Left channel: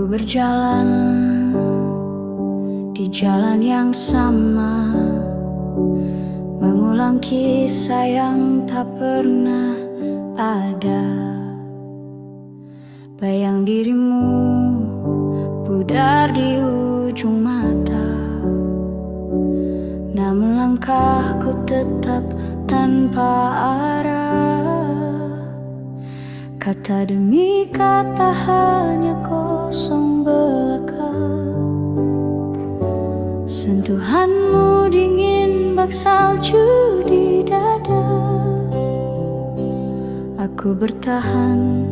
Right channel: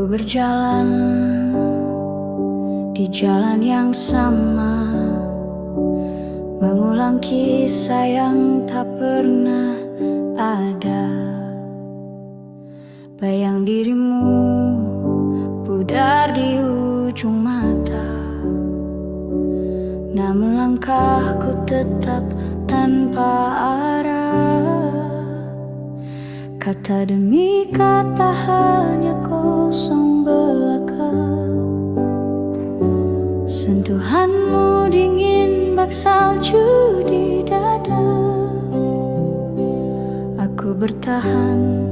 Aku berjalan di jalan yang sama, mengulang kisah yang tak pernah ada. Bayang dirimu pudar di ujung mata, namun langkahku tetap tanpa arah. Kata demi kata hanya kosong belaka. Sentuhanmu dingin bak salju di dada. Aku bertahan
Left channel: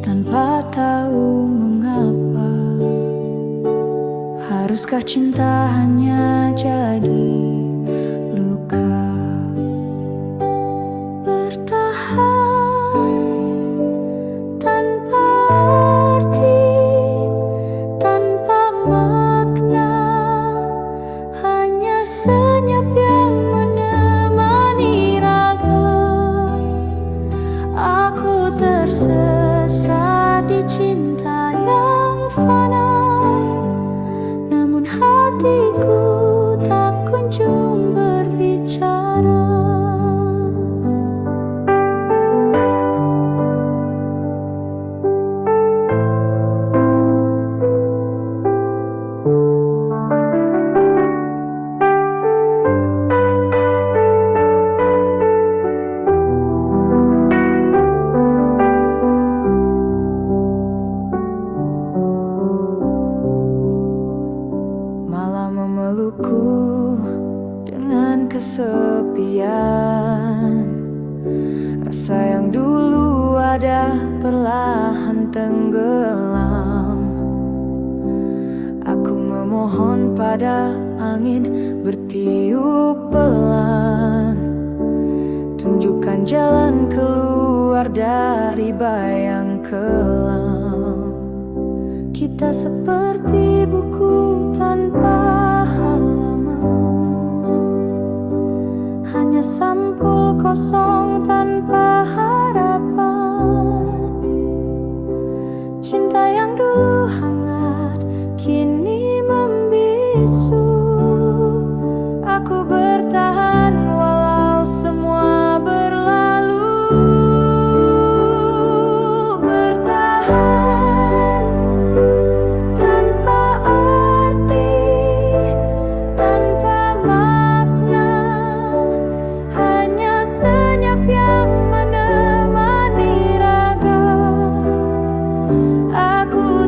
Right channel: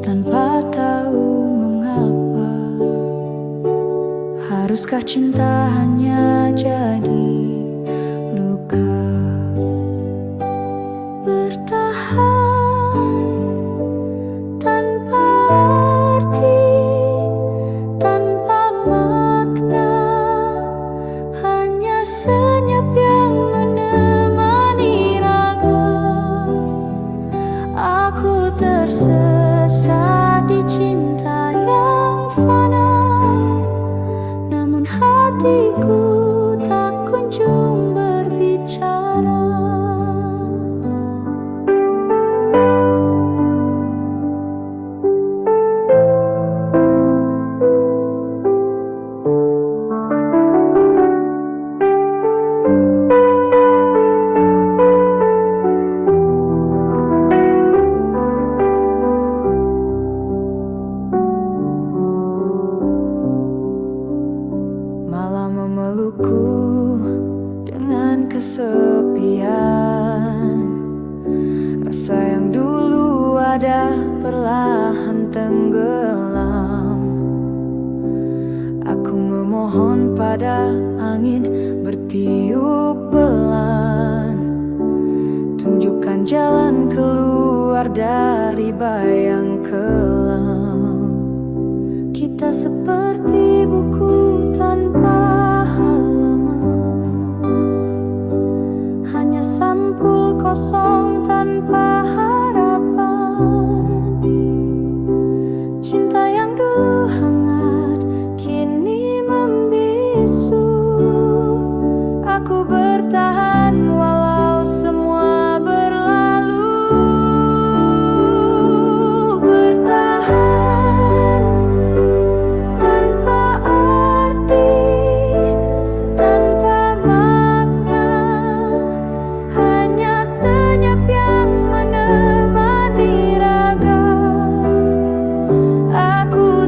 tanpa tahu mengapa. Haruskah cinta hanya jadi luka? Bertahan tanpa arti, tanpa makna, hanya senyap yang menemani raga. Aku tersesat di cinta yang fana, namun hatiku tak kunjung berbicara. Malam memelukku dengan kesepian. Rasa yang dulu ada perlahan tenggelam. Aku memohon pada angin bertiup pelan, tunjukkan jalan keluar dari bayang kelam. Kita seperti buku tanpa halaman, hanya sampul kosong tanpa harapan. Cinta yang dulu hangat kini membisu. Aku bertahan walau semua berlalu.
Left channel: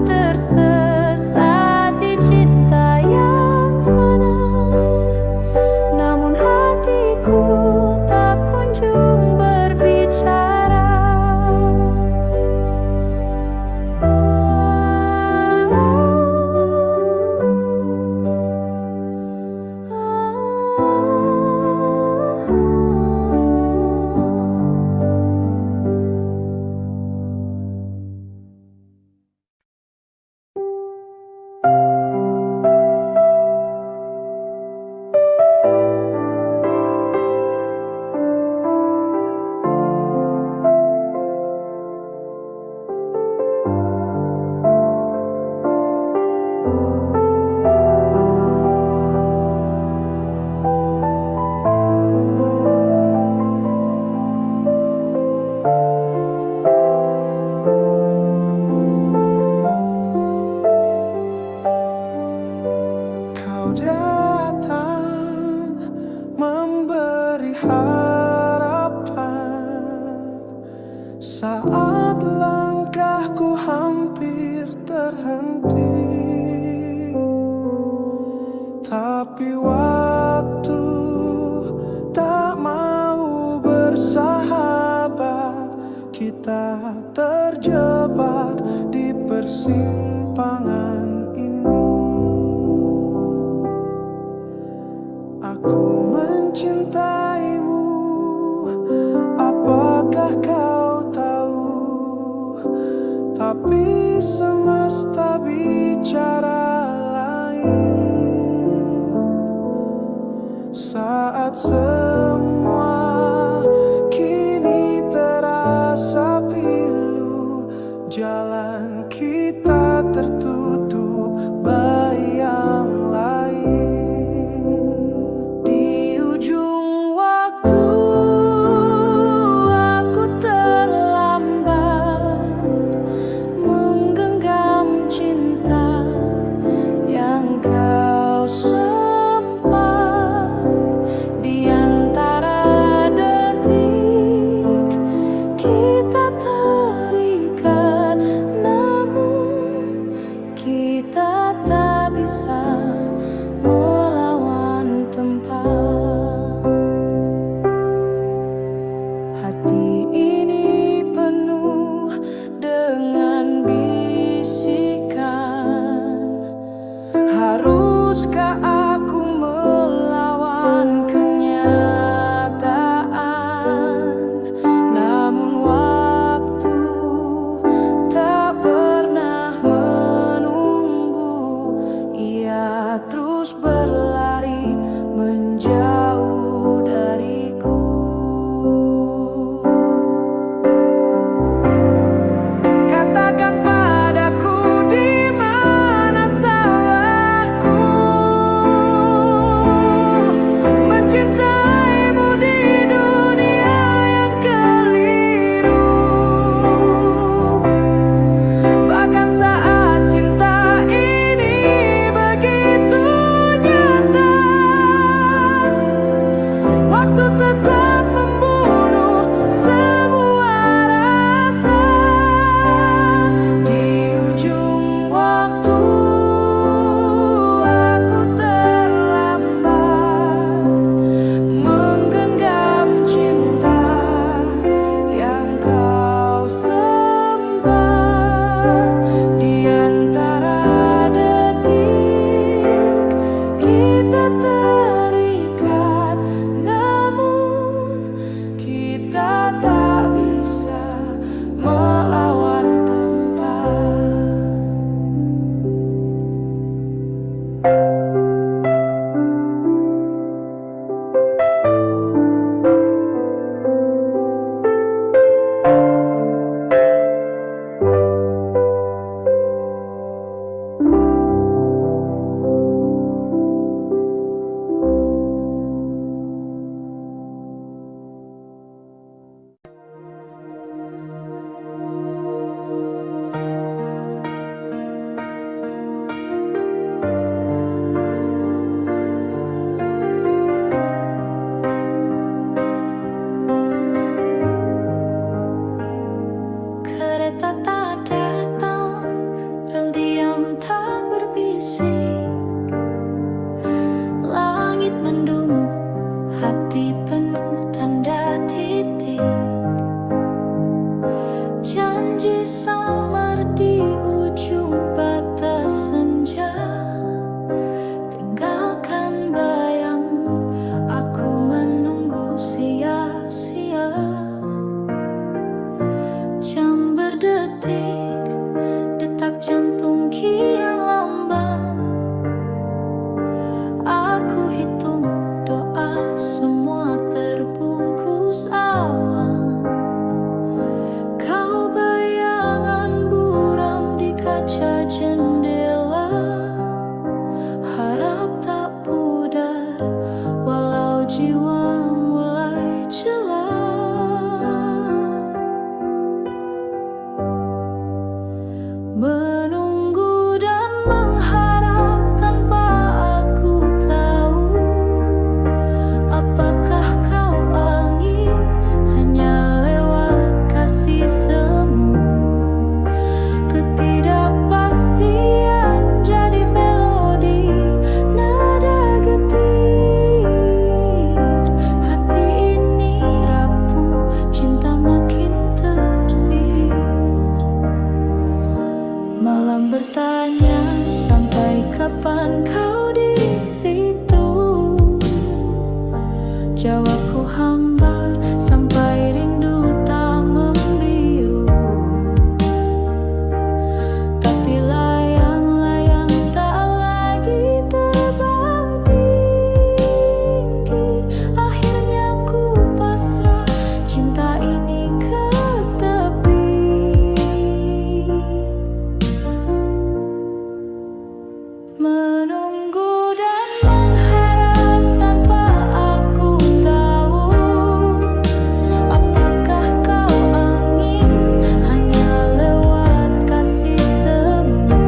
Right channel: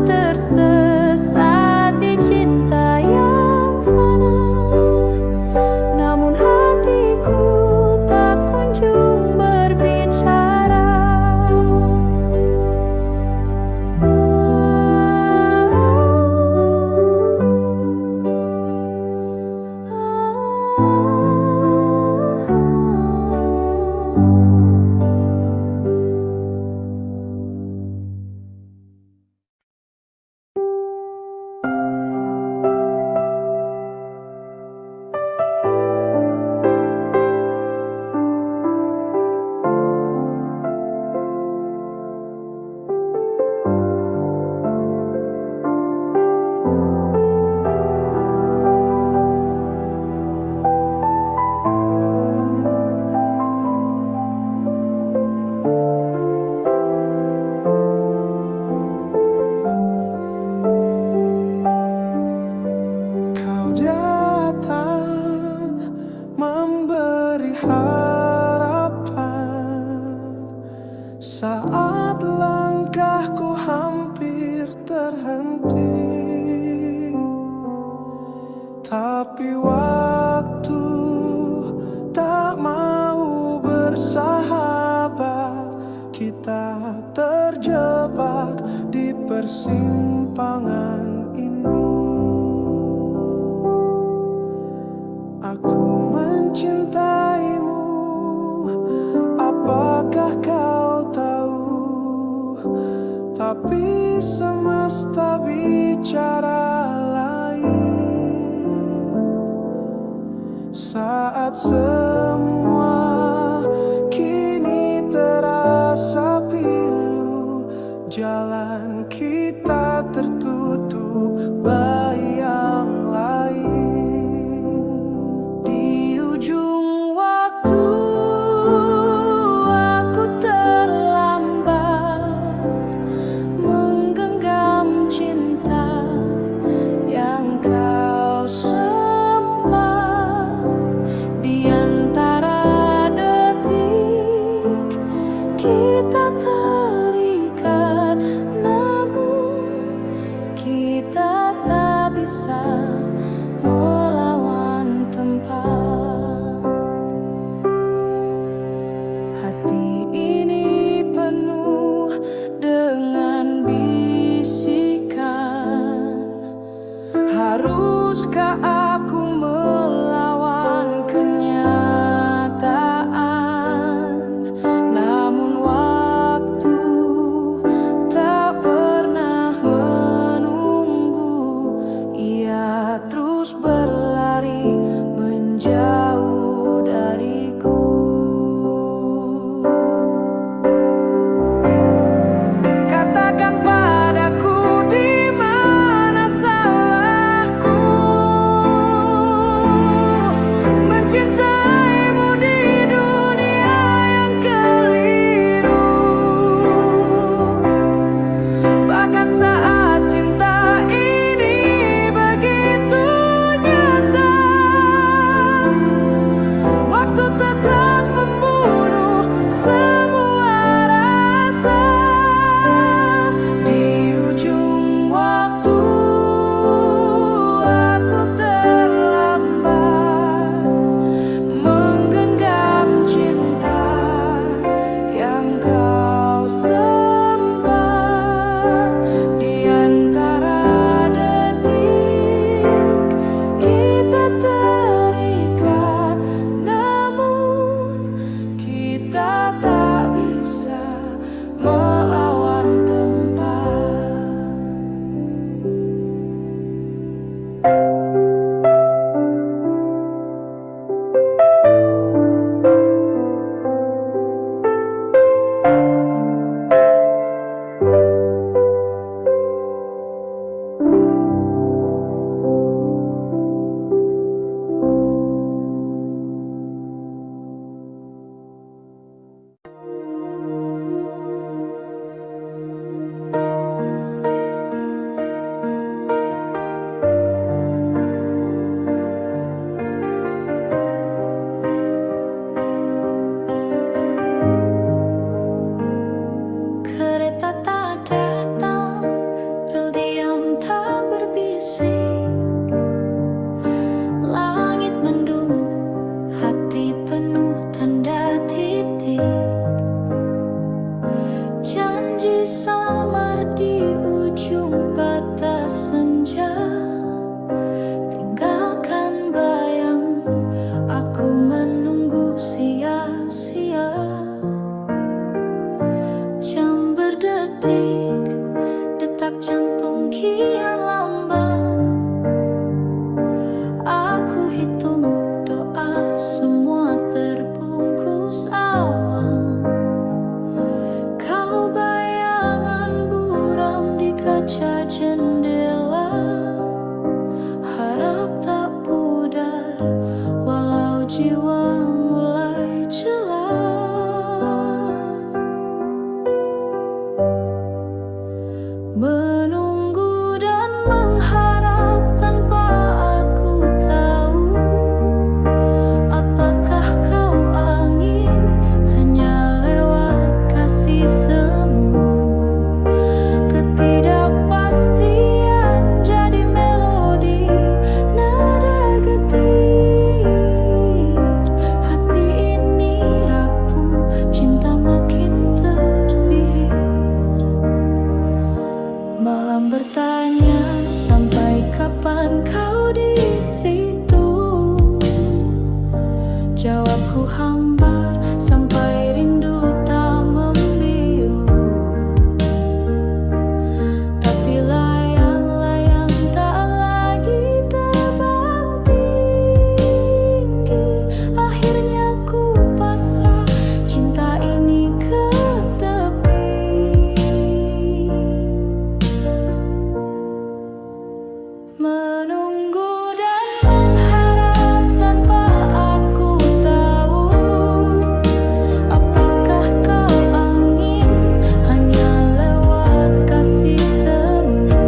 Tersesat di cinta yang fana, namun hatiku tak kunjung berbicara. Datang memberi harapan saat langkahku hampir terhenti. Tapi waktu tak mau bersahabat, kita terjebak di persimpangan ini. Aku mencintaimu, apakah kau tahu? Tapi semesta bicara lain. Saat semua kini terasa pilu, jalan kita tertutup bagi yang lain. Di ujung waktu aku terlambat menggenggam cinta yang kau sempat. Di antara detik kita terikat, namun kita tak bisa melawan tempat. Hati ini penuh dengan bisikan, haruskah aku melawan kenyataan? Namun waktu tak pernah menunggu, ia terus berlari menjauh dariku. Katakan padaku di mana salahku mencintaimu di dunia yang keliru. Bahkan saat cinta ini begitu nyata, waktu tetap membunuh semua rasa. Di ujung waktu aku terlambat menggenggam cinta yang kau sempat. Di antara detik kita terikat, namun kita tak bisa melawan tempat. Kereta tak datang, rel diam tak berbisik. Langit mendung, hati penuh tanda titik. Janji samar di ujung batas senja, tinggalkan bayang aku menunggu sia-sia. Jam berdetik, detak jantung kian lamban. Aku hitung doa, semua terbungkus awan. Kau bayangan buram di kaca jendela, harap tak pudar walau jiwa mulai celah. Menunggu dan mengharap tanpa aku tahu apakah kau angin hanya lewat kasih semu. Ketidakpastian jadi melodi nada getir. Hati ini rapuh, cinta makin tersihir. Malam bertanya, sampai kapan kau di situ? Jawabku hambar, sampai rindu tak membiru. Tapi layang-layang tak lagi terbang tinggi. Akhirnya ku pasrah, cinta ini ke tepi. Menunggu dan mengharap tanpa aku tahu apakah kau angin hanya lewat kasih semu.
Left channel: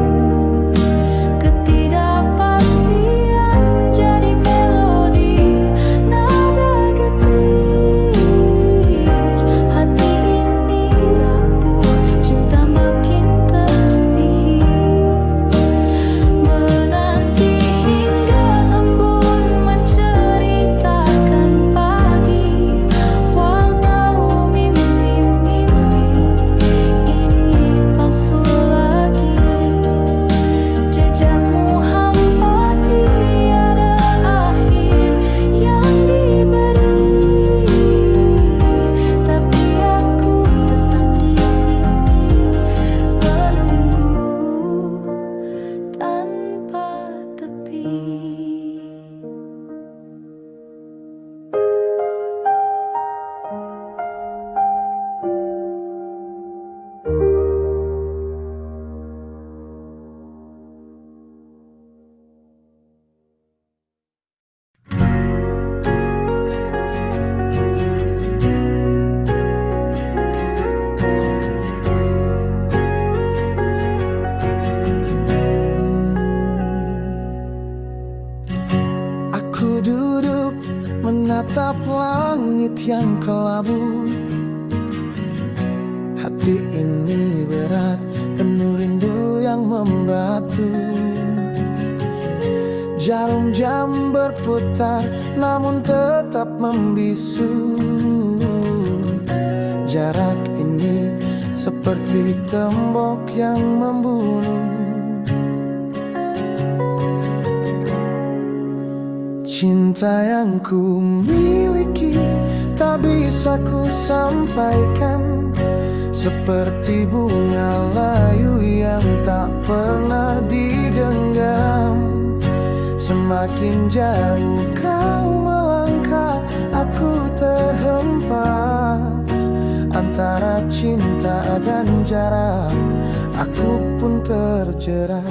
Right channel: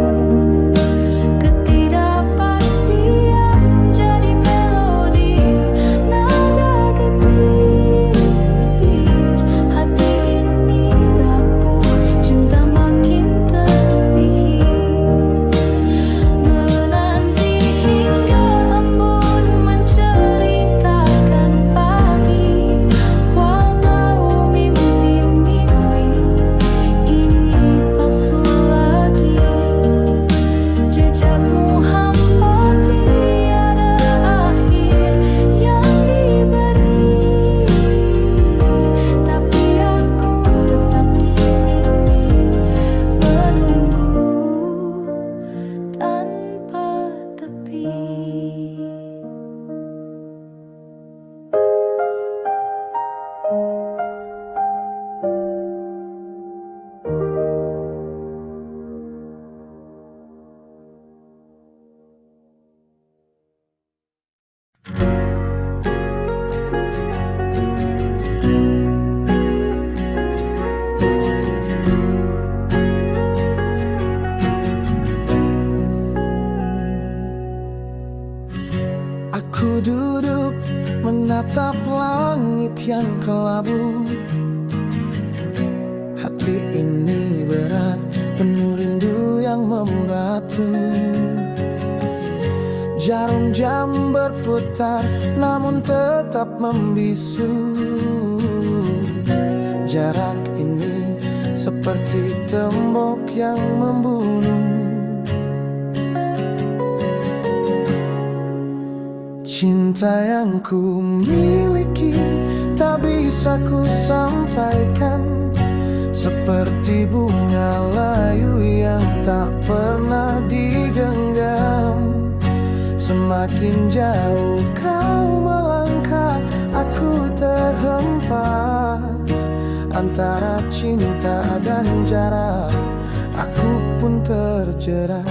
Ketidakpastian jadi melodi nada getir. Hati ini rapuh, cinta makin tersihir. Menanti hingga embun menceritakan pagi, walau tahu mimpi-mimpi ini palsu lagi. Jejakmu hampa tiada akhir yang diberi, tapi aku tetap di sini menunggu tanpa tepi. Aku duduk menatap langit yang kelabu. Hati ini berat, penuh rindu yang membatu. Jarum jam berputar, namun tetap membisu. Jarak ini seperti tembok yang membunuh. Cinta yang ku miliki tak bisa ku sampaikan, seperti bunga layu yang tak pernah digenggam. Semakin jauh kau melangkah, aku terhempas antara cinta dan jarak. Aku pun terjerat.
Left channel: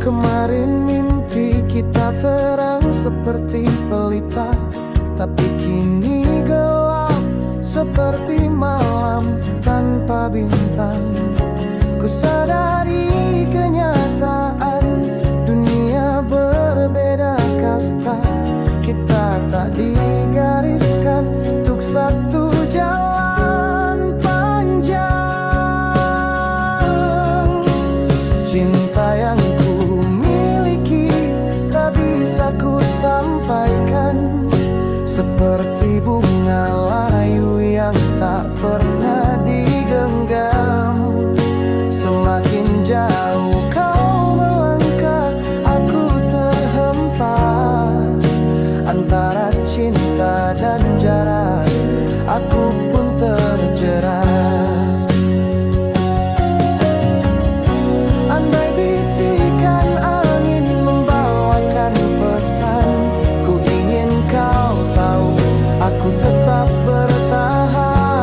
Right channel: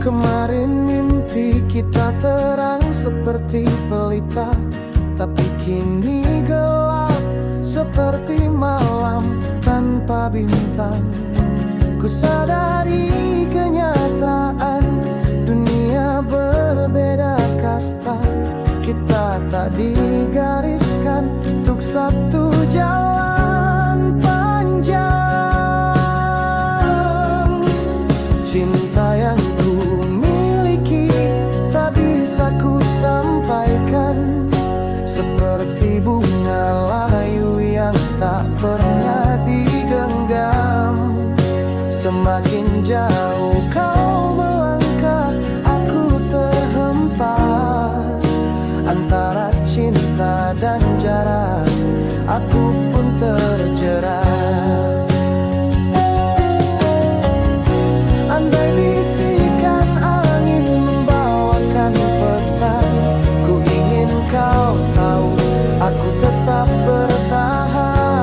Kemarin mimpi kita terang seperti pelita, tapi kini gelap seperti malam tanpa bintang. Ku sadari kenyataan, dunia berbeda kasta. Kita tak digariskan untuk satu jalan panjang. Cinta yang ku miliki tak bisa ku sampaikan, seperti bunga layu yang tak pernah digenggam. Semakin jauh kau melangkah, aku terhempas antara cinta dan jarak. Aku pun terjerat. Andai bisikan angin membawakan pesan, ku ingin kau tahu aku tetap bertahan.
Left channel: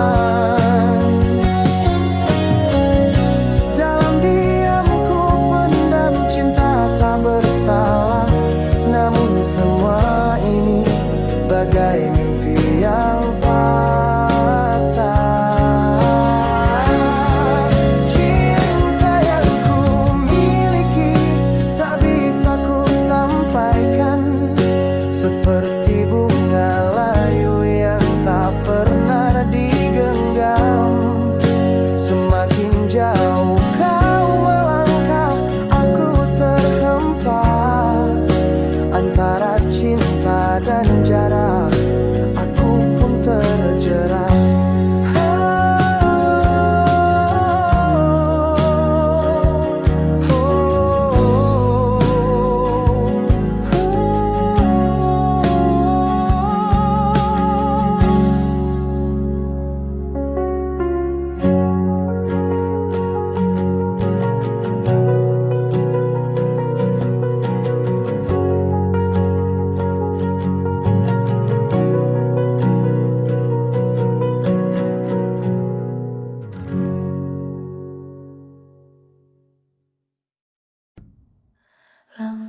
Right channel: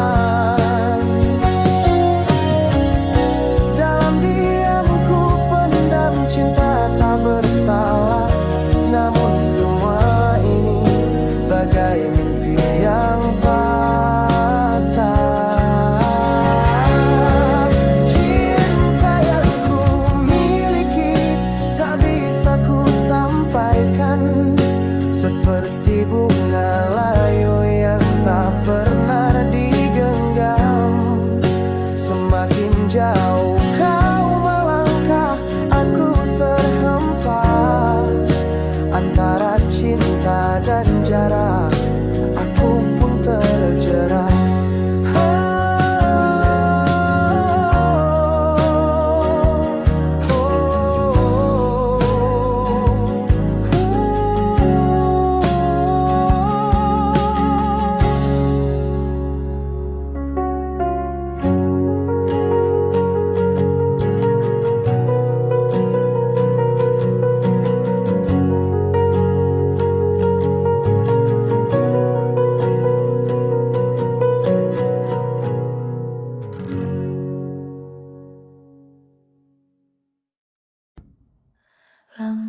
Dalam diam ku pendam cinta tak bersalah, namun semua ini bagai mimpi yang patah. Sampaikan, seperti bunga layu yang tak pernah digenggam. Semakin jauh kau melangkah, aku terhempas antara cinta dan jarak. Aku pun terjerat.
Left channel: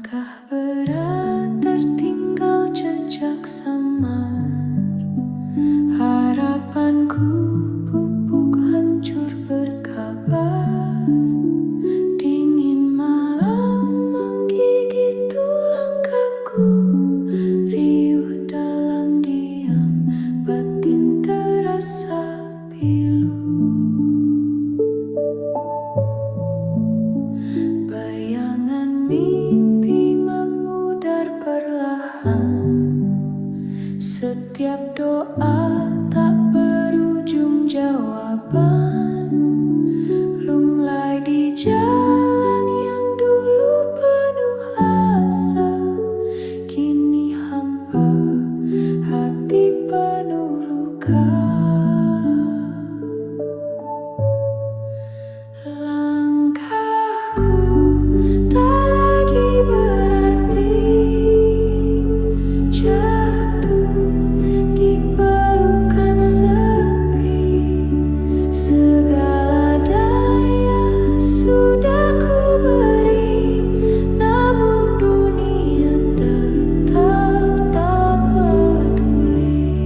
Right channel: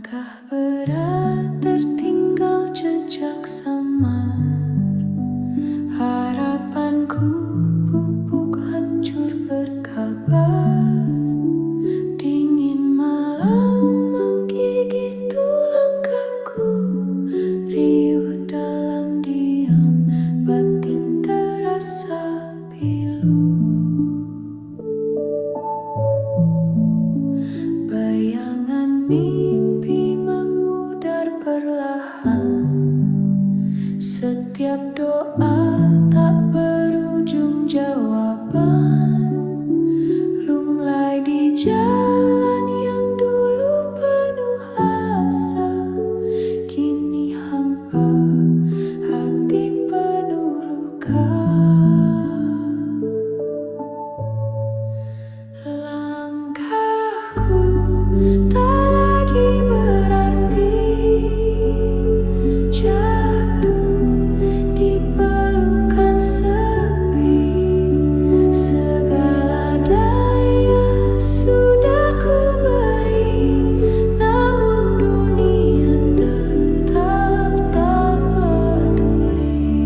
Langkah berat tertinggal jejak samar. Harapanku pupuk hancur berkabar. Dingin malam menggigit tulang kaku. Riuh dalam diam, batin terasa pilu. Bayangan mimpi memudar perlahan. Setiap doa tak berujung jawaban. Lunglai di jalan yang dulu penuh asa. Kini hampa, hati penuh luka. Langkahku tak lagi berarti. Jatuh di pelukan sepi. Segala daya sudah ku beri, namun dunia tetap tak peduli.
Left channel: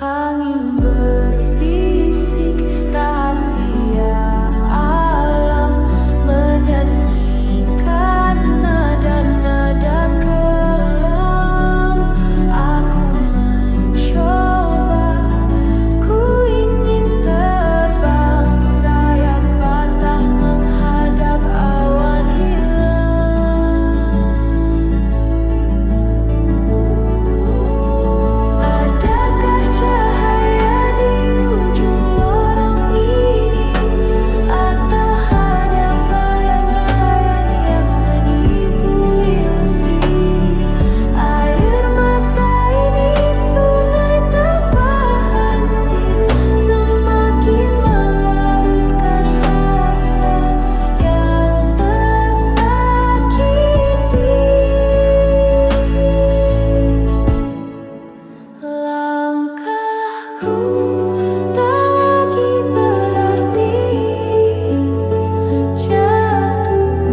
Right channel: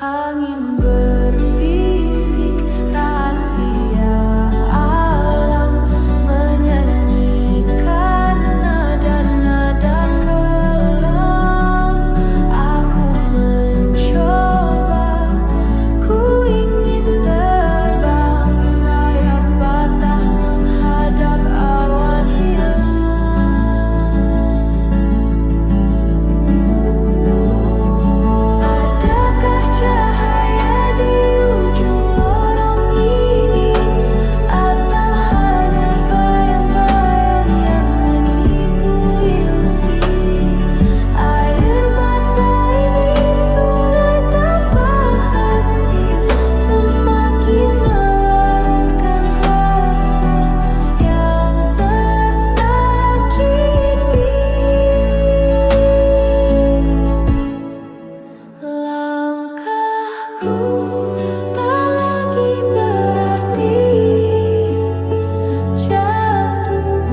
Angin berbisik rahasia alam, menyanyikan nada-nada kelam. Aku mencoba, ku ingin terbang, sayap patah menghadap awan hilang. Adakah cahaya di ujung lorong ini, atau hanya bayang-bayang yang menipu ilusi? Air mata ini sungai tanpa henti, semakin melarutkan rasa yang tersakiti. Langkahku tak lagi berarti. Jatuh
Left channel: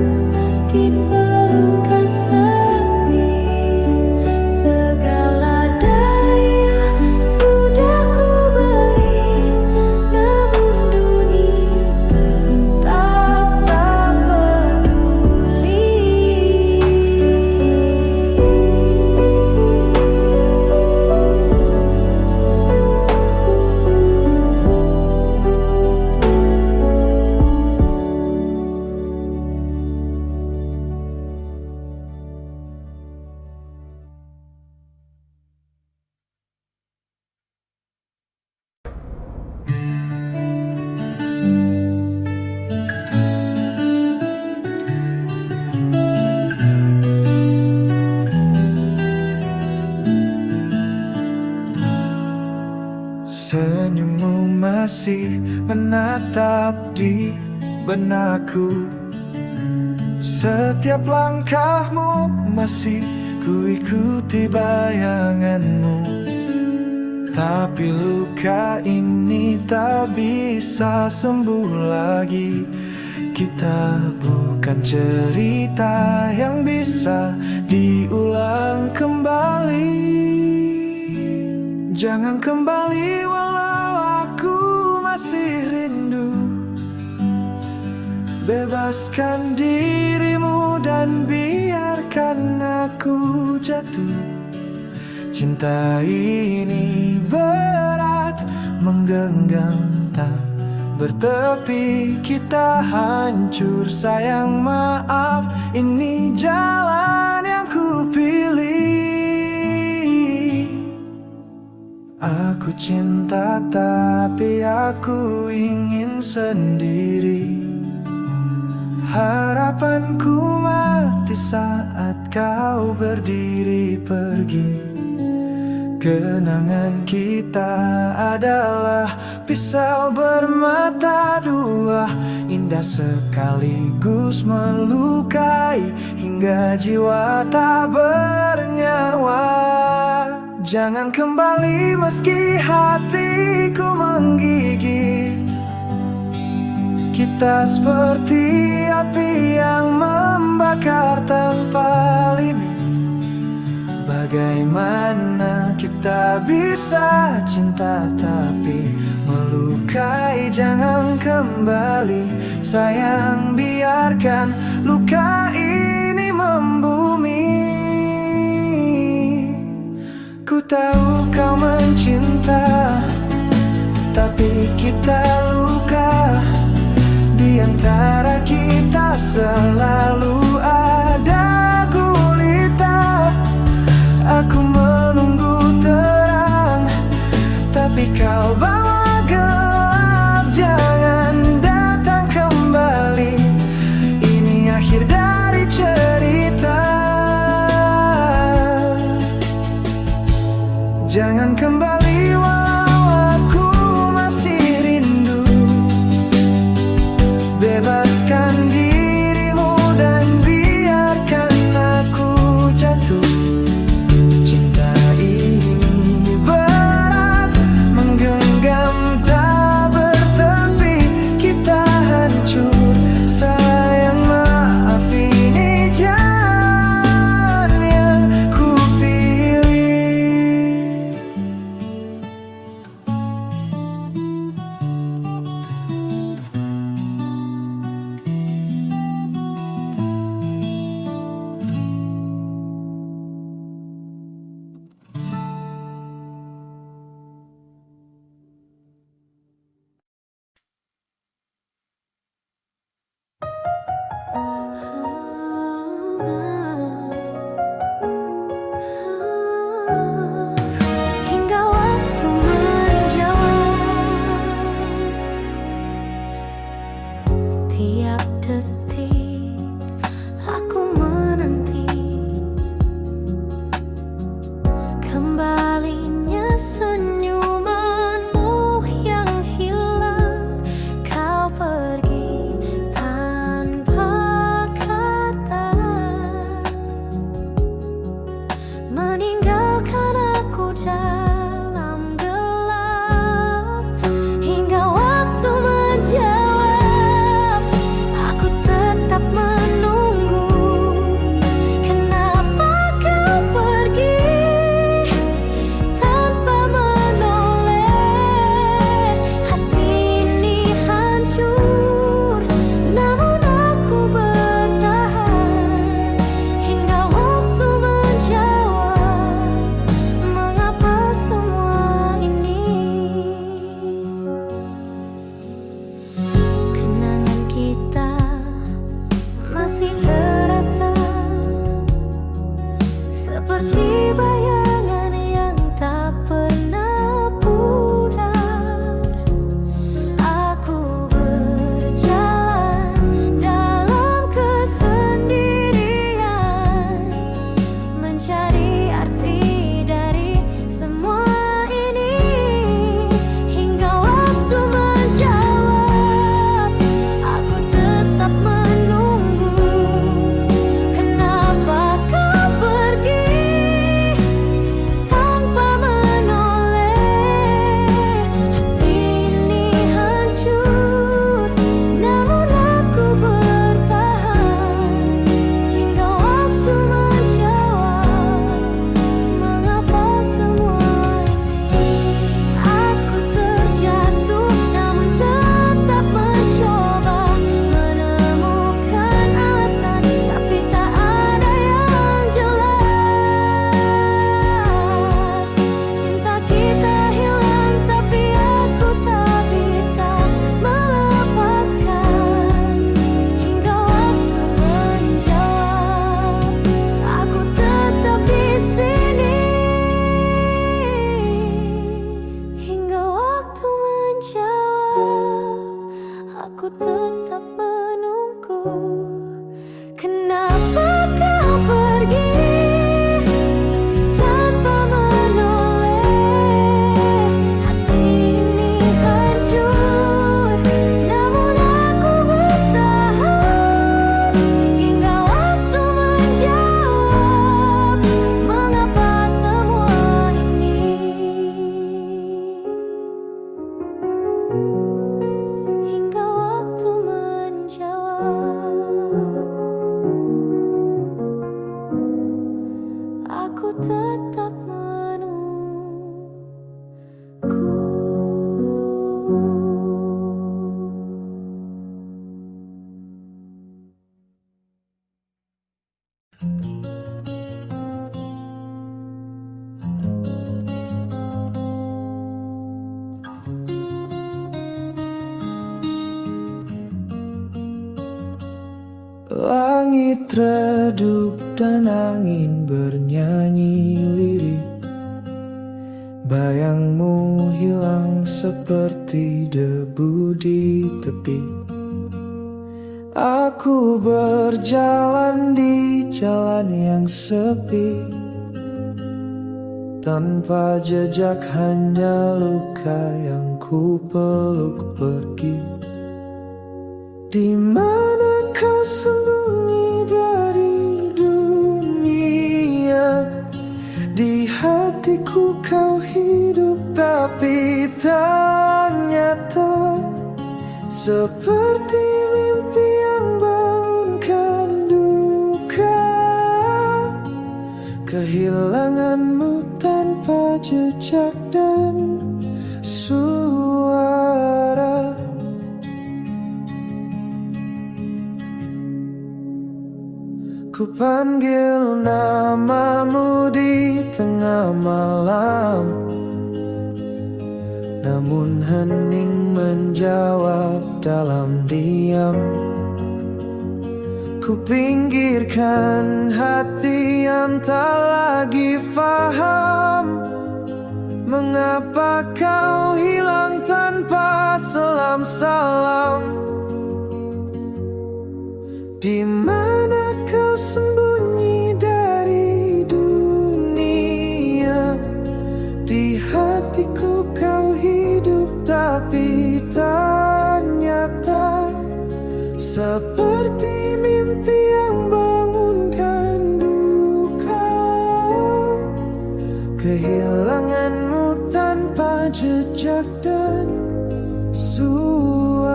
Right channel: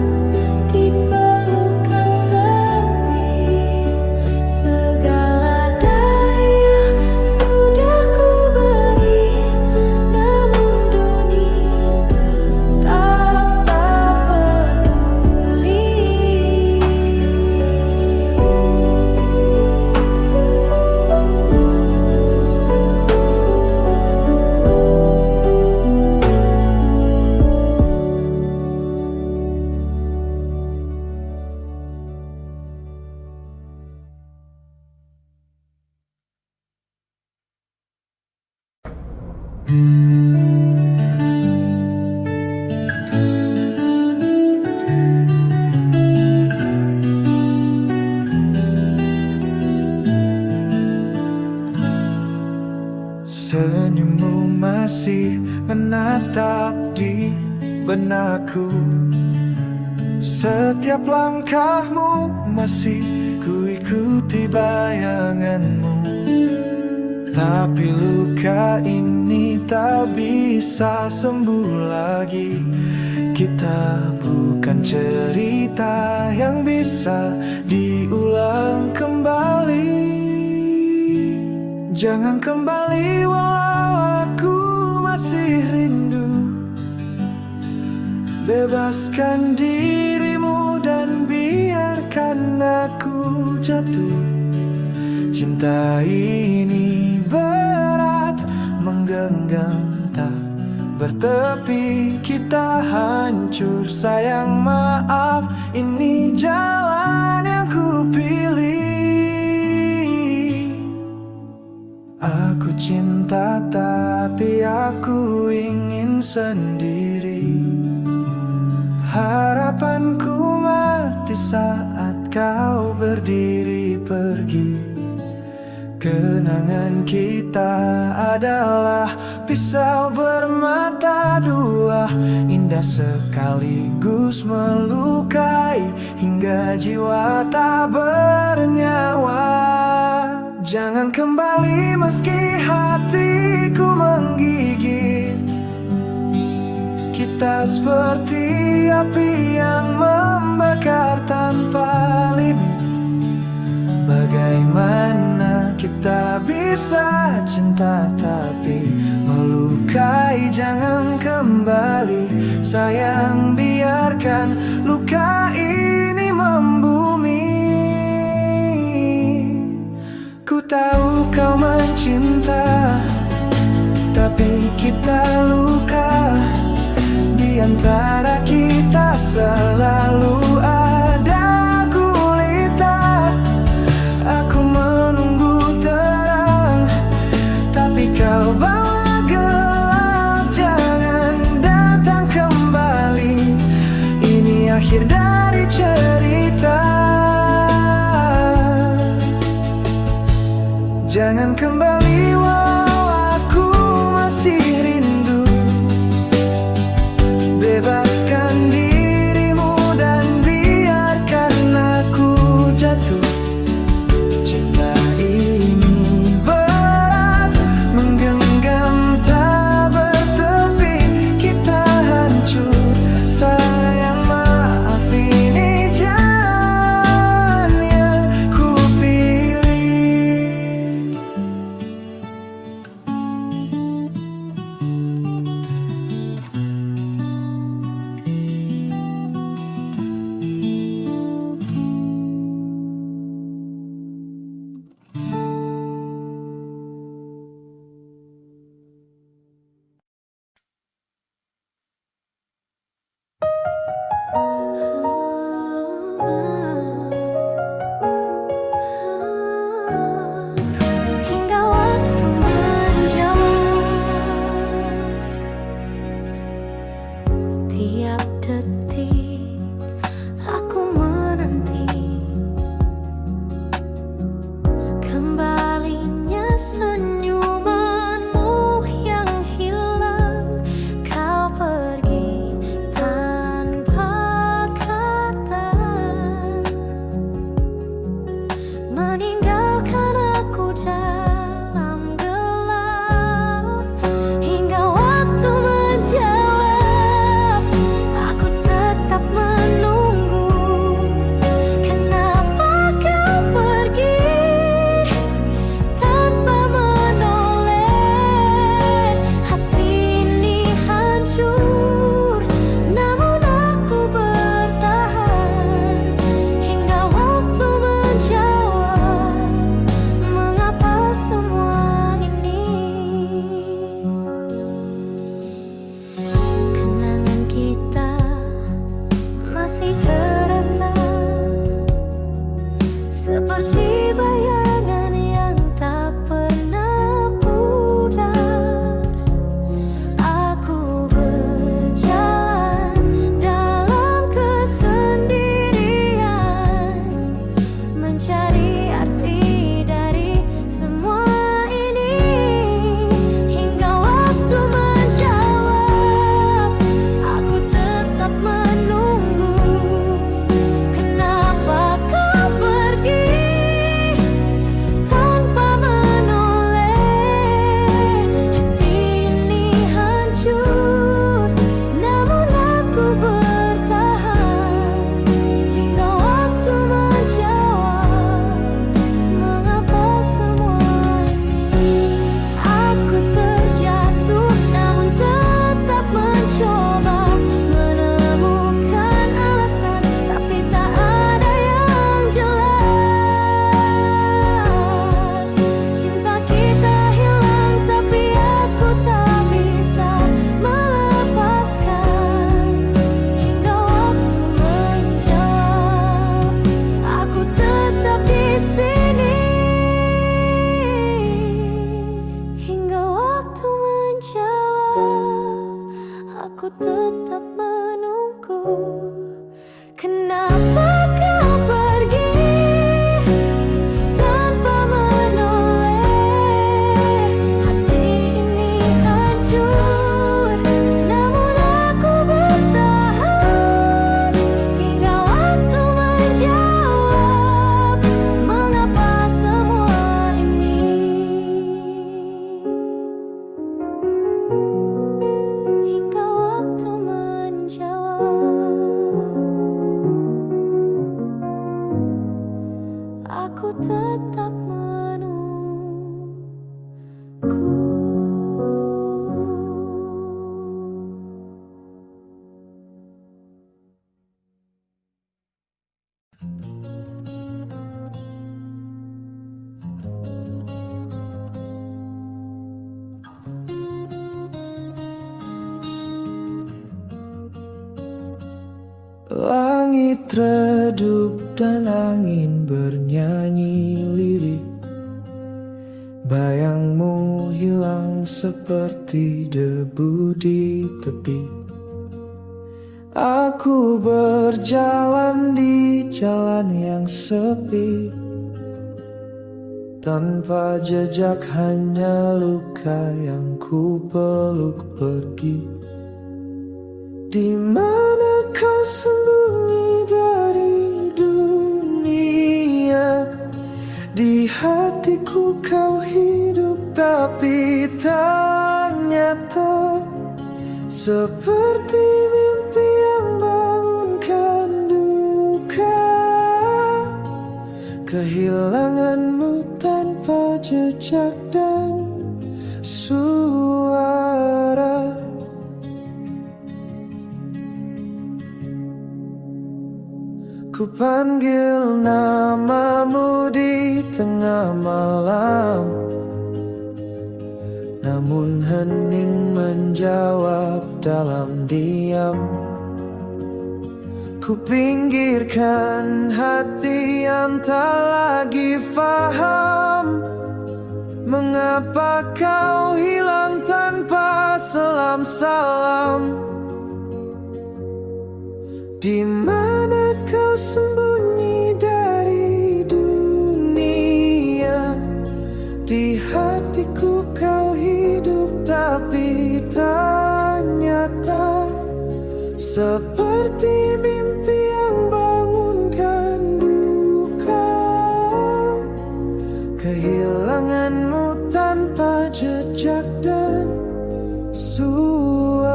di pelukan sepi. Segala daya sudah ku beri, namun dunia tetap tak peduli. Senyummu masih menatap di benakku. Setiap langkahmu masih kuikuti bayanganmu. Tapi luka ini tak bisa sembuh lagi. Kita bukan cerita yang bisa diulang kembali. Jangan kembali walau aku masih rindu. Bebaskan dirimu dan biarkan aku jatuh. Cinta ini berat menggenggam tak bertepi. Kita hancur sayang, maaf, ini jalan yang ku pilih. Aku cinta tapi aku ingin sendiri. Harapanku mati saat kau berdiri pergi. Kenangan kita adalah pisau bermata dua, indah sekaligus melukai hingga jiwa tak bernyawa. Jangan kembali meski hatiku menggigit. Kita seperti api yang membakar tanpa limit. Bagaimana kita bisa cinta tapi melukai? Jangan kembali sayang, biarkan luka ini membumi. Ku tahu kau mencinta, tapi kita luka. Di antara kita selalu ada gulita. Aku menunggu terang, tapi kau bawa gelap. Jangan datang kembali, ini akhir dari cerita. Jangan kembali walau aku masih rindu. Bebaskan dirimu dan biarkan aku jatuh. Cinta ini berat, menggenggam tak bertepi. Kita hancur, sayang maaf, ini jalan yang ku pilih. Hingga waktu menjawab, tiap detik aku menanti kembalinya senyumanmu yang hilang. Kau pergi tanpa kata, meninggalkan aku dalam gelap. Hingga waktu menjawab, aku tetap menunggu. Kenapa kau pergi tanpa menoleh? Hati ini hancur, namun aku bertahan. Hingga waktu menjawab, mengapa semua ini? Kenangan kita masih terasa seperti bayangan yang tak pernah pudar. Aku berjalan dalam kesendirian, mencari arti dari semua ini. Hingga waktu menjawab, aku tetap menunggu. Kenapa kau pergi tanpa menoleh? Hati ini hancur, namun aku bertahan. Hingga waktu menjawab, mengapa semua ini? Aku terjatuh, namun tetap mencoba menemukan alasan, tapi tak ada yang jelas. Cinta kita hilang, tapi aku tak bisa melepaskan. Hingga waktu menjawab, aku tetap di sini. Hingga waktu menjawab, aku tetap menunggu. Kenapa kau pergi tanpa menoleh? Hati ini hancur, namun aku bertahan. Hingga waktu menjawab, mengapa semua ini? Hingga waktu Langit redup dan angin bernyanyi lirih. Bayangmu hilang seperti debu di tepi. Aku berjalan di jalan yang sepi, tanpa jejak, hanya luka yang ku peluk pergi. Di mana kau sembunyi dari dunia? Di hatiku kau hidup tapi tak nyata, seperti mimpi yang bangunkan duka. Kehilanganmu tanpa jejak dan suara. Ku panggil namamu di tengah malam, namun hening menjawab dalam diam. Ku pinggirkan hati yang tak lagi faham, mengapa kau hilang tanpa salam salam. Di mana kau sembunyi dari dunia? Di hatiku kau hidup tapi tak nyata, seperti mimpi yang bangunkan duka. Kehilanganmu tanpa jejak dan suara.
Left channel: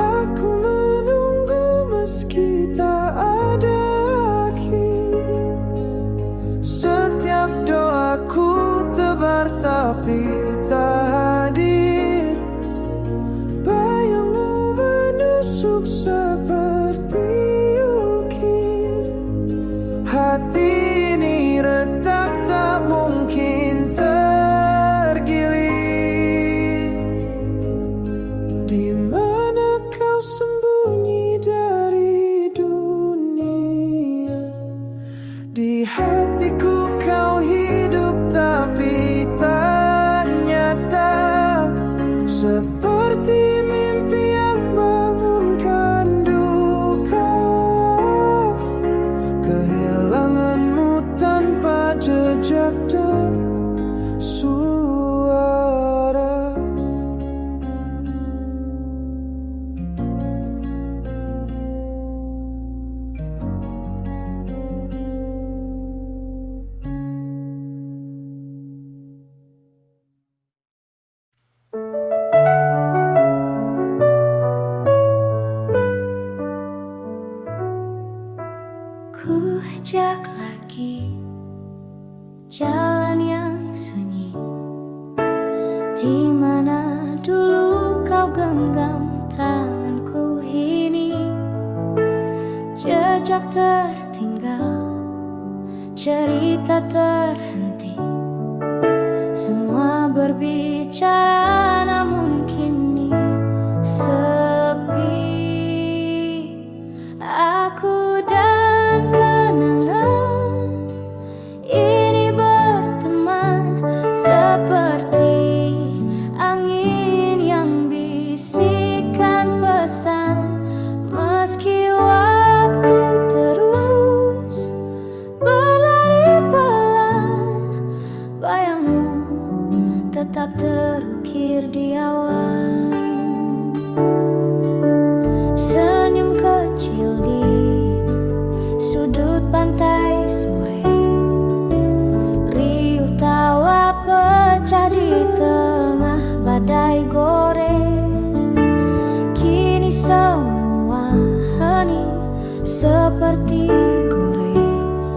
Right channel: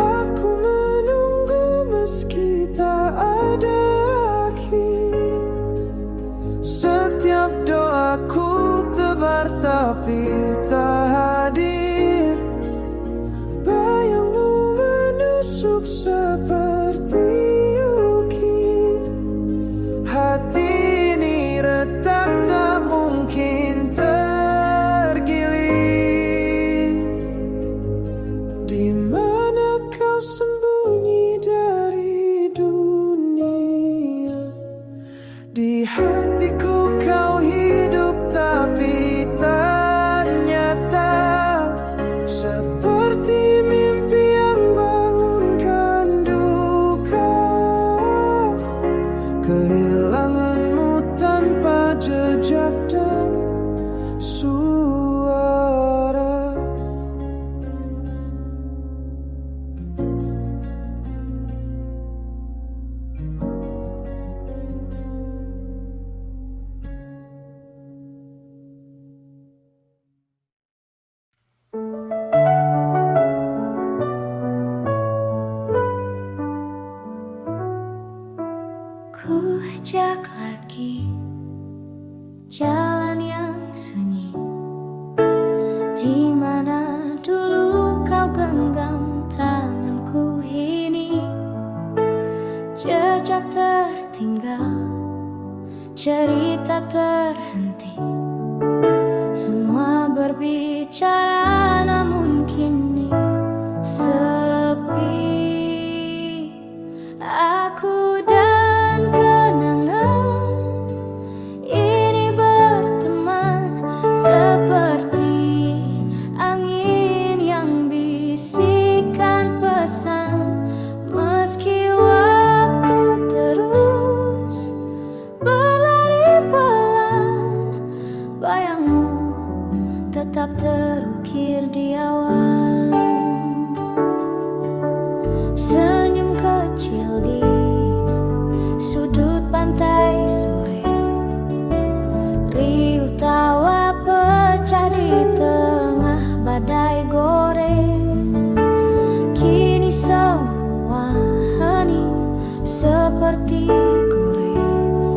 Aku menunggu meski tak ada akhir. Setiap doaku tebar tapi tak hadir. Bayangmu menusuk seperti ukir. Hati ini retak tak mungkin tergilir. Di mana kau sembunyi dari dunia? Di hatiku kau hidup tapi tak nyata, seperti mimpi yang bangunkan duka. Kehilanganmu tanpa jejak dan suara. Ku ajak lagi jalan yang sunyi, di mana dulu kau genggam tanganku ini. Jejak tertinggal, cerita terhenti, semua berbicara namun kini sepi. Aku dan kenangan ini berteman, seperti angin yang bisikan pesan. Meski waktu terus berlari pelan, bayangmu tetap terukir di awan. Senyum kecil di sudut pantai sore, riuh tawa pecah di tengah badai goreng. Kini semua hening seperti gores.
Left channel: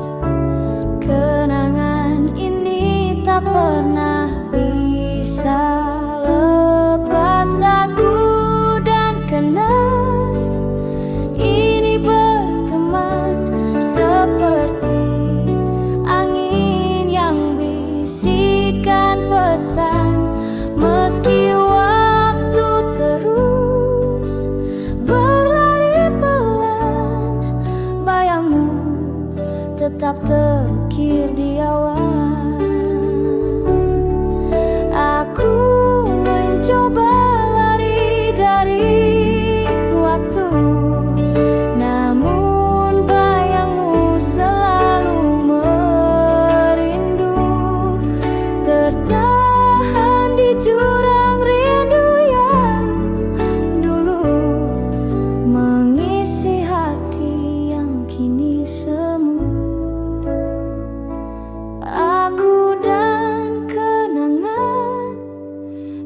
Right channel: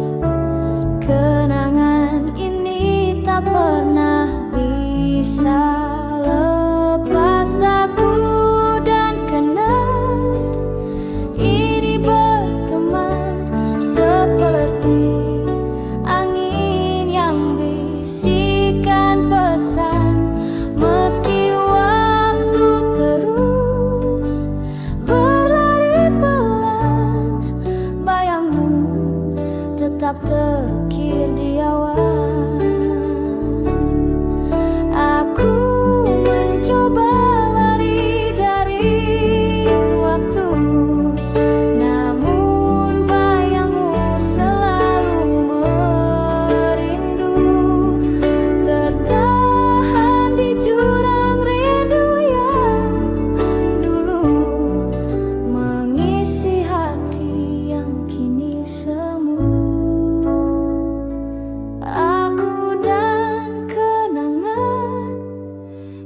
Kenangan ini tak pernah bisa lepas. Aku dan kenal ini berteman, seperti angin yang bisikan pesan. Meski waktu terus berlari pelan, bayangmu tetap terukir di awan. Aku mencoba lari dari waktu, namun bayangmu selalu merindu, tertahan di jurang rindu yang dulu mengisi hati yang kini semu. Aku dan kenangan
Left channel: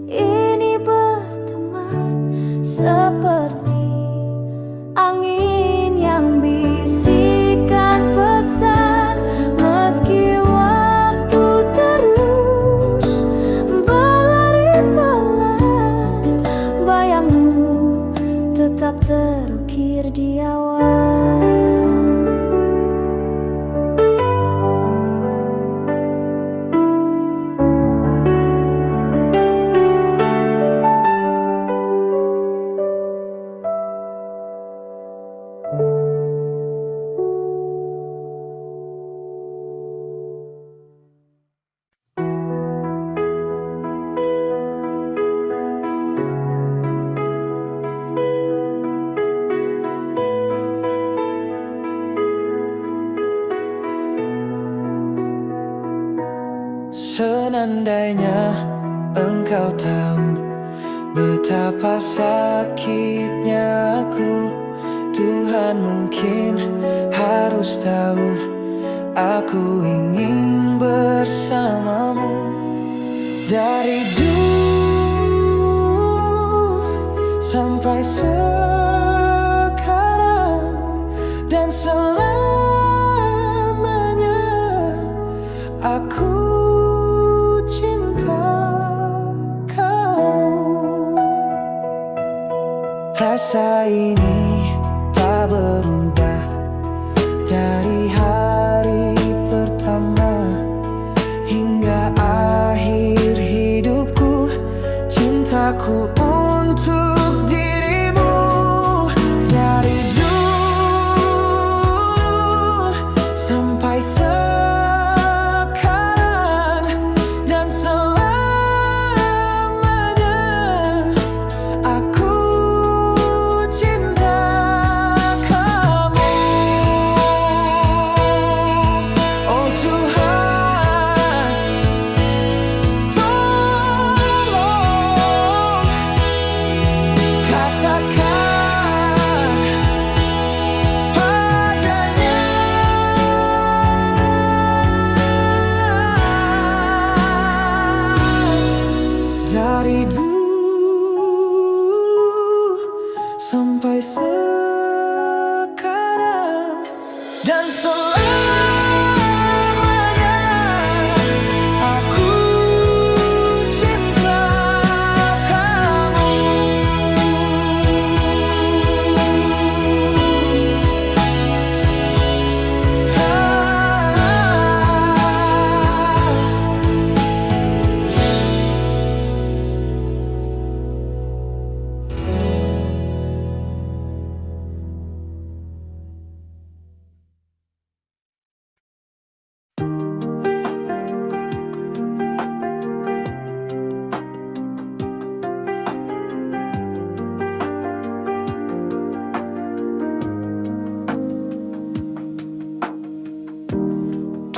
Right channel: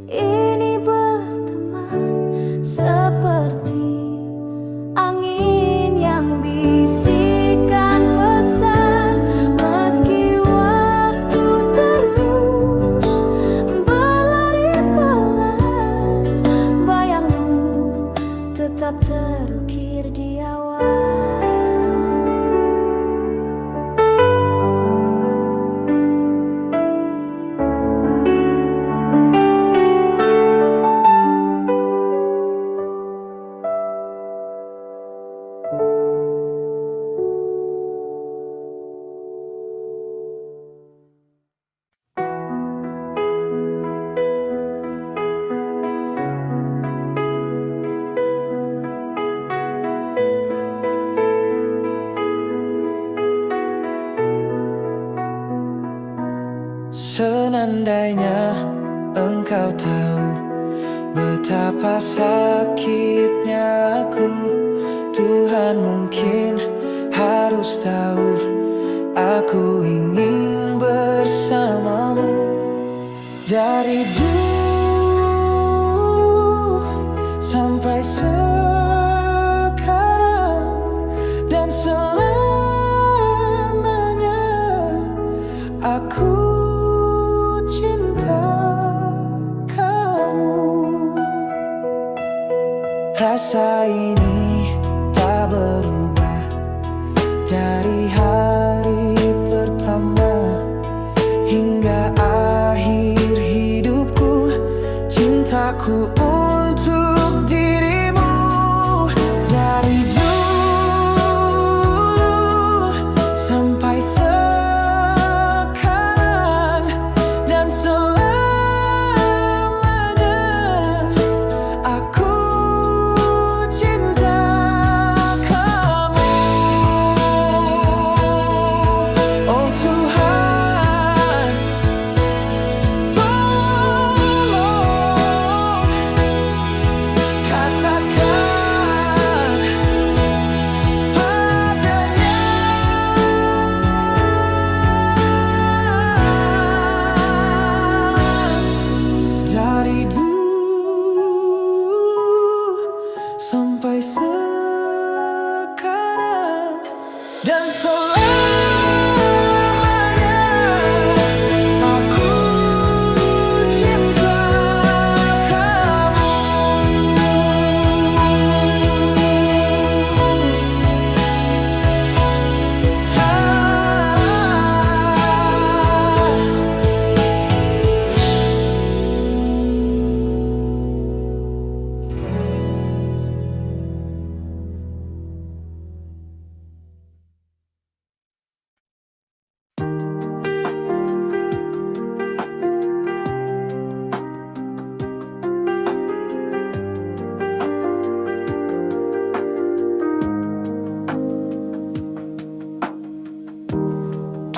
ini berteman seperti angin yang bisikan pesan. Meski waktu terus berlari pelan, bayangmu tetap terukir di awan. Senandainya engkau tahu betapa sakitnya aku, Tuhan mungkin harus tahu aku ingin bersamamu. Dari dulu sampai sekarang dan selamanya, aku cinta kamu. Rasa ini tak berubah dari hari pertama hingga akhir hidupku. Cintaku untuk dirimu dari dulu sampai sekarang dan selamanya, aku cinta kamu. Oh Tuhan, tolong katakan padanya dari dulu sampai sekarang dan selamanya, aku cinta kamu.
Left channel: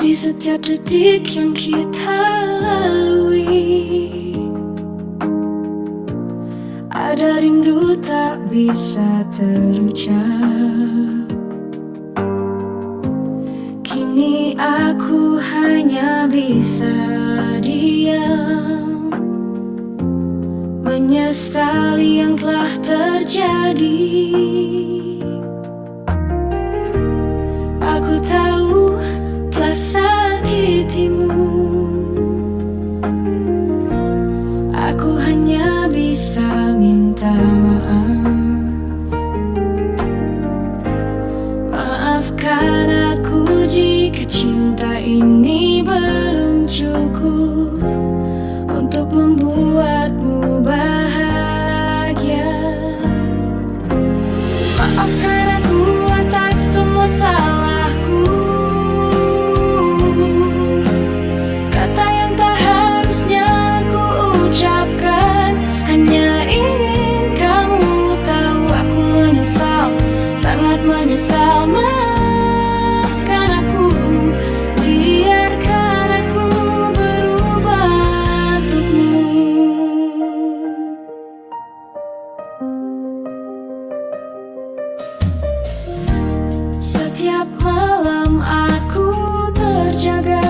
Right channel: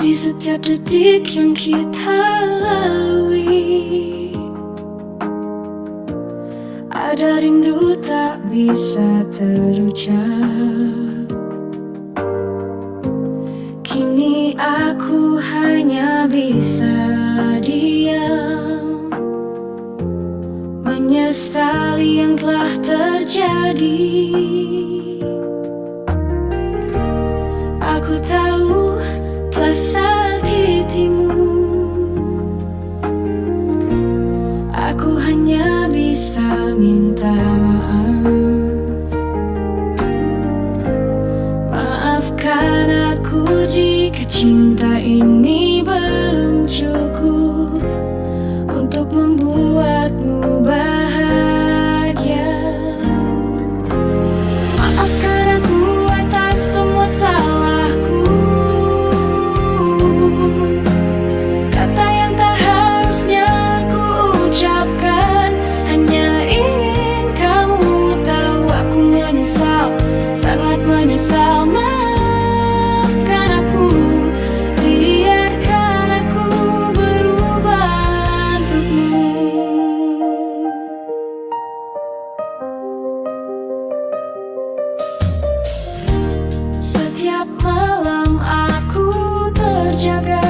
Di setiap detik yang kita lalui, ada rindu tak bisa terucap. Kini aku hanya bisa diam, menyesali yang telah terjadi. Aku tahu telah sakitimu, aku hanya bisa minta maaf. Maafkan aku jika cinta ini belum cukup untuk membuatmu bahagia. Maafkan aku atas semua salahku, kata yang tak harusnya ku ucapkan. Hanya ingin kamu tahu aku menyesal, sangat menyesal. Maafkan aku, biarkan aku berubah untukmu. Setiap malam aku terjaga,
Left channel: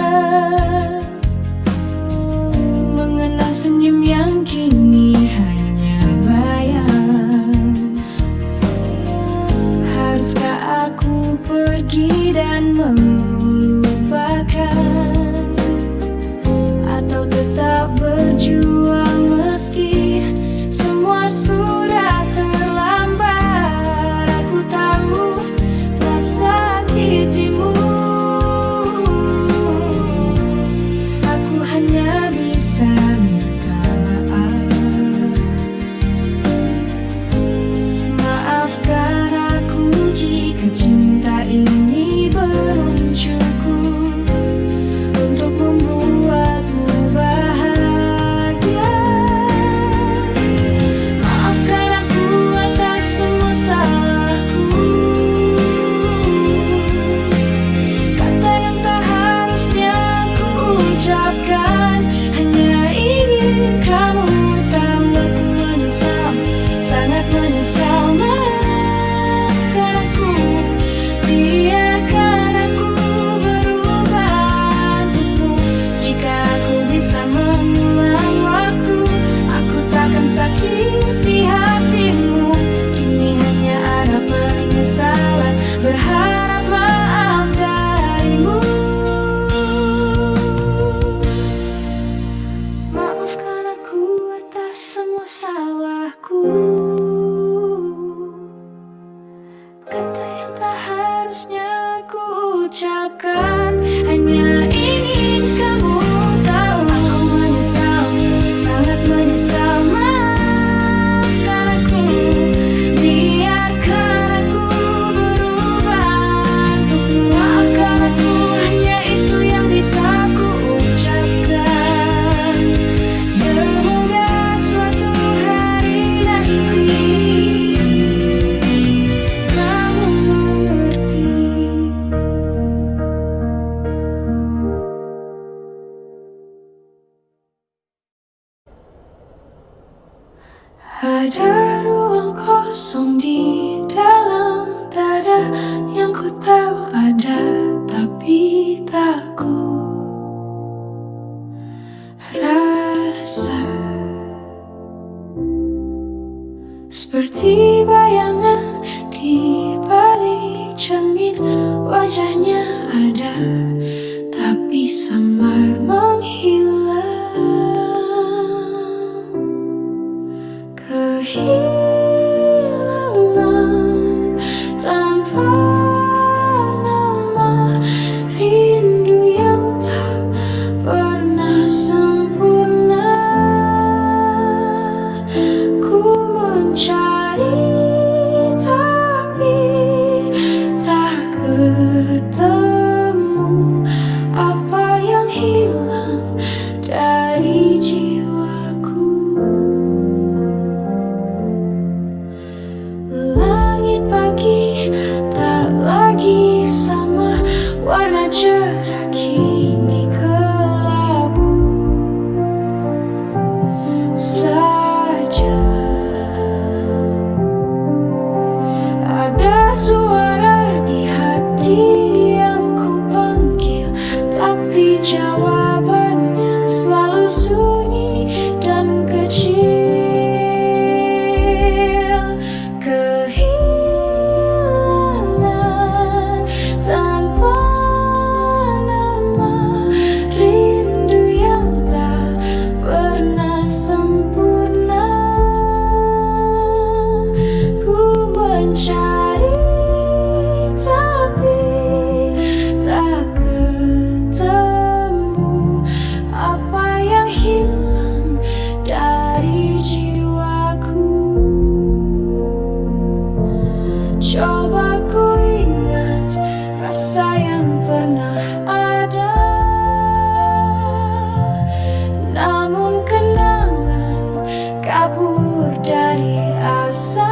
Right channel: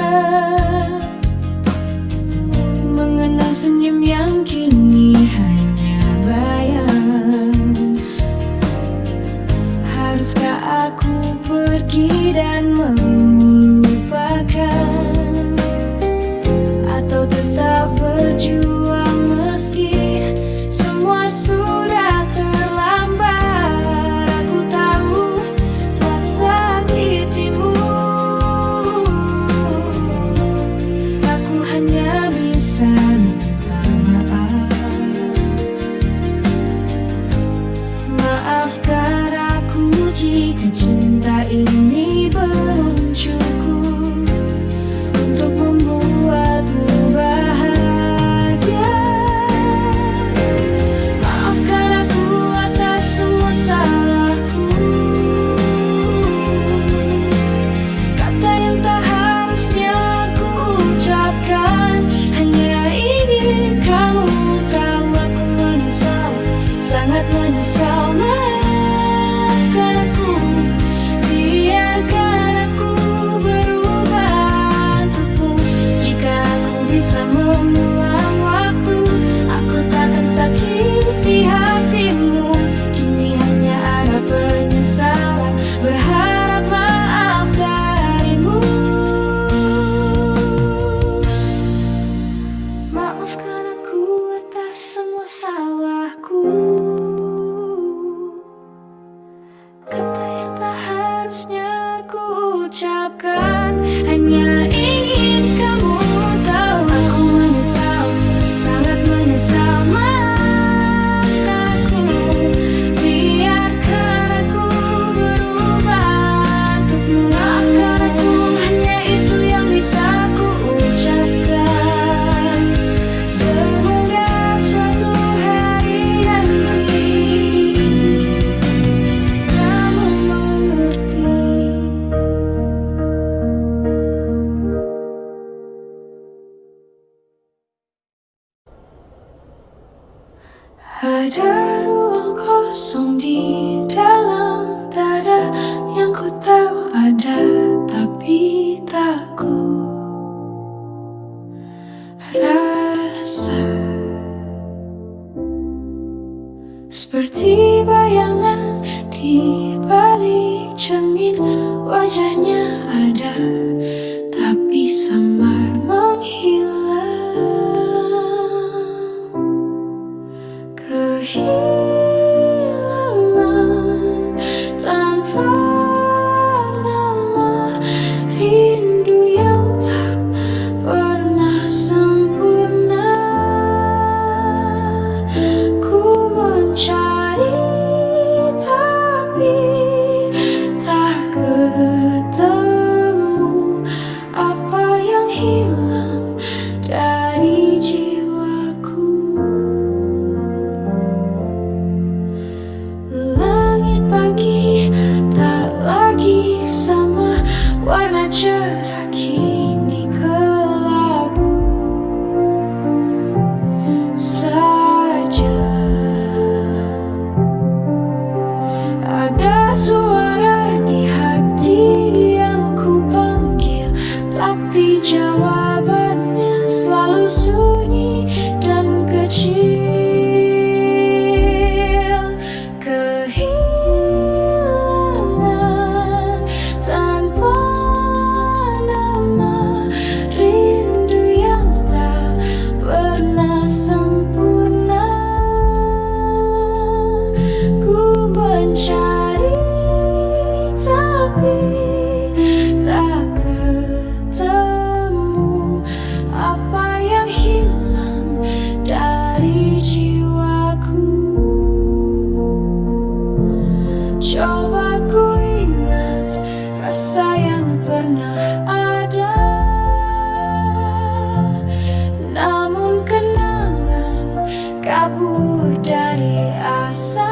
mengenang senyum yang kini hanya bayang. Haruskah aku pergi dan melupakan, atau tetap berjuang meski semua sudah terlambat? Aku tahu telah sakitimu, aku hanya bisa minta maaf. Maafkan aku jika cinta ini belum cukup untuk membuatmu bahagia. Maafkan aku atas semua salahku, kata yang tak harusnya ku ucapkan. Hanya ingin kamu tahu aku menyesal, sangat menyesal. Maafkan aku, biarkan aku berubah untukmu. Jika aku bisa mengulang waktu, aku takkan sakiti hatimu. Kini hanya ada penyesalan, berharap maaf darimu. Maafkan aku atas semua salahku, kata yang tak harusnya ku ucapkan. Hanya ingin kamu tahu aku menyesal, sangat menyesal. Maafkan aku, biarkan aku berubah untukmu. Maafkan aku, hanya itu yang bisa ku ucapkan. Semoga suatu hari nanti kamu mengerti. Ada ruang kosong di dalam dada yang ku tahu ada, tapi tak ku rasa. Seperti bayangan di balik cermin, wajahnya ada, tapi samar menghilang. Kehilangan tanpa nama, rindu yang tak pernah sempurna. Ku mencari tapi tak ketemu, apa yang hilang dari jiwaku. Langit pagi tak lagi sama, warna cerah kini kelabu saja. Ada suara di hati yang ku panggil, tapi jawabannya selalu sunyi dan kecil. Kehilangan tanpa nama, rasa yang pernah ada. Namun kenangan kabur dari asa.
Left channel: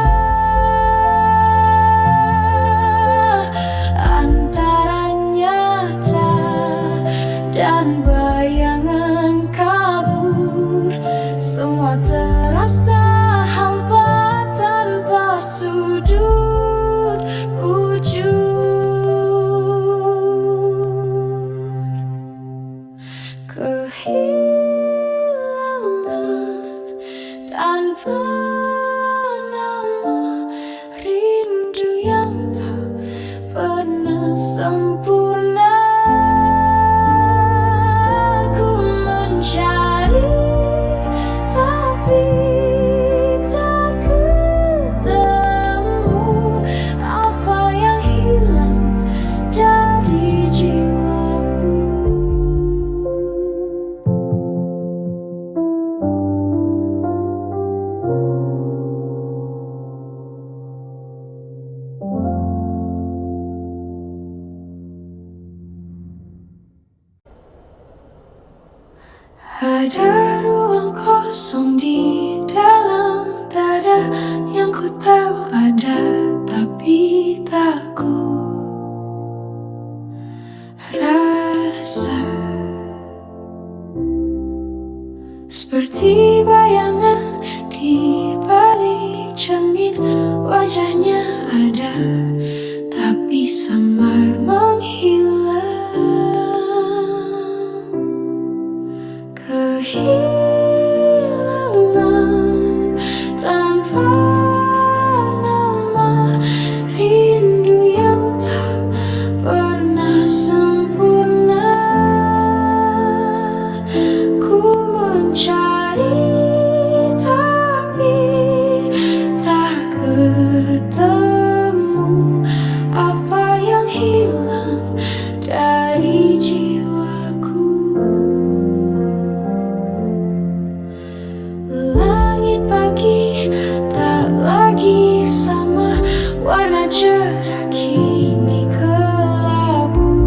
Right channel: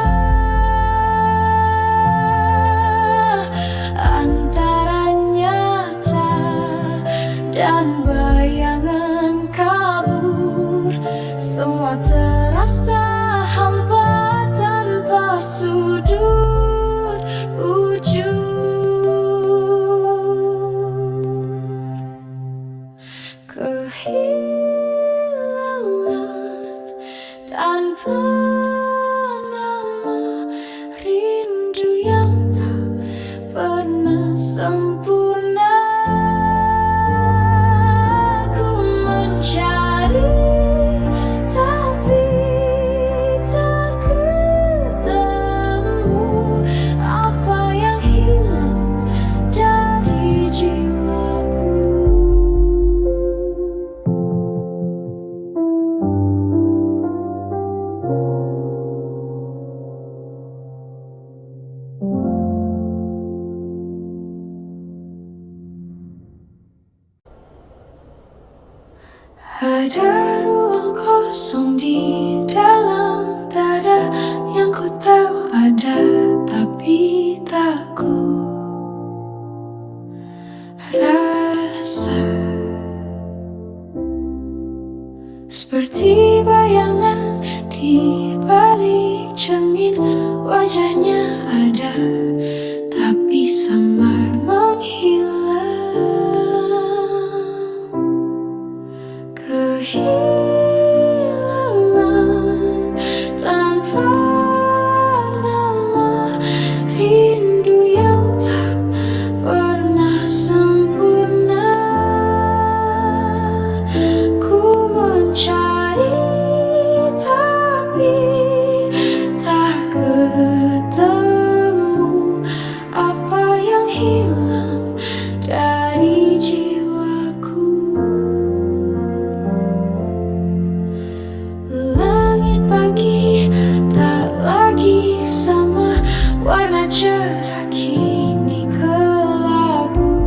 Antara nyata dan bayangan kabur, semua terasa hampa tanpa sudut ujung. Kehilangan tanpa nama, rindu yang tak pernah sempurna. Ku mencari tapi tak ketemu. Apa yang hilang dari jiwaku? Ada ruang kosong di dalam dada yang ku tahu ada, tapi tak ku rasa. Seperti bayangan di balik cermin, wajahnya ada, tapi samar menghilang. Kehilangan tanpa nama, rindu yang tak pernah sempurna. Ku mencari tapi tak ketemu. Apa yang hilang dari jiwaku? Langit pagi tak lagi sama, warna cerah kini kelabu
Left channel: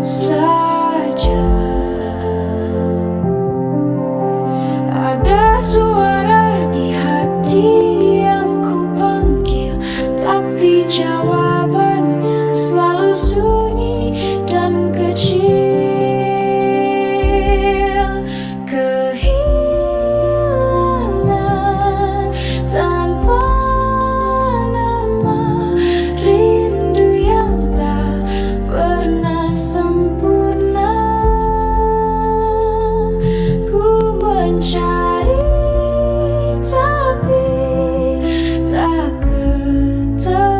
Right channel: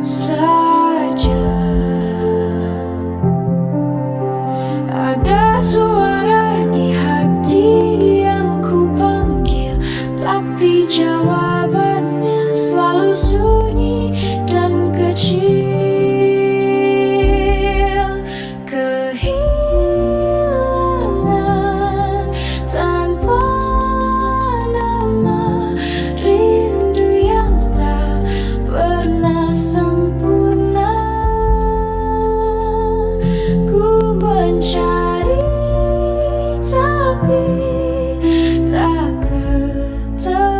saja. Ada suara di hati yang ku panggil, tapi jawabannya selalu sunyi dan kecil. Kehilangan tanpa nama, rindu yang tak pernah sempurna. Ku mencari tapi tak ketemu.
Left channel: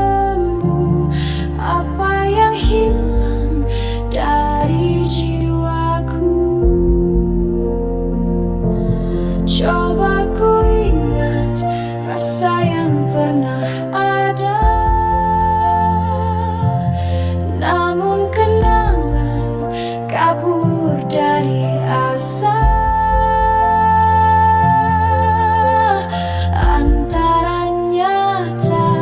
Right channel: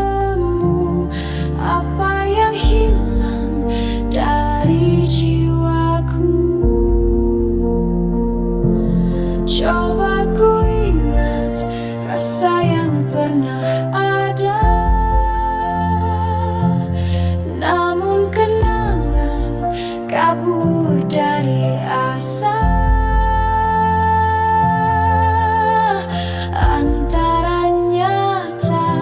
Apa yang hilang dari jiwaku? Coba ku ingat rasa yang pernah ada. Namun kenangan kabur dari asa. Antara nyata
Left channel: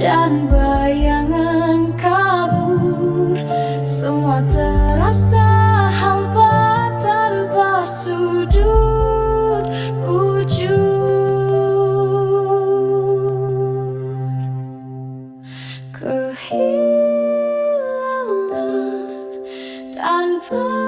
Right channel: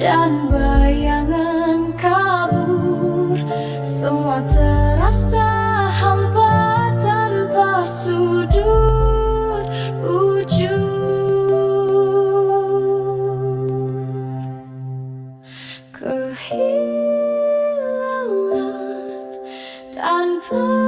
dan bayangan kabur, semua terasa hampa tanpa sudut ujung. Kehilangan tanpa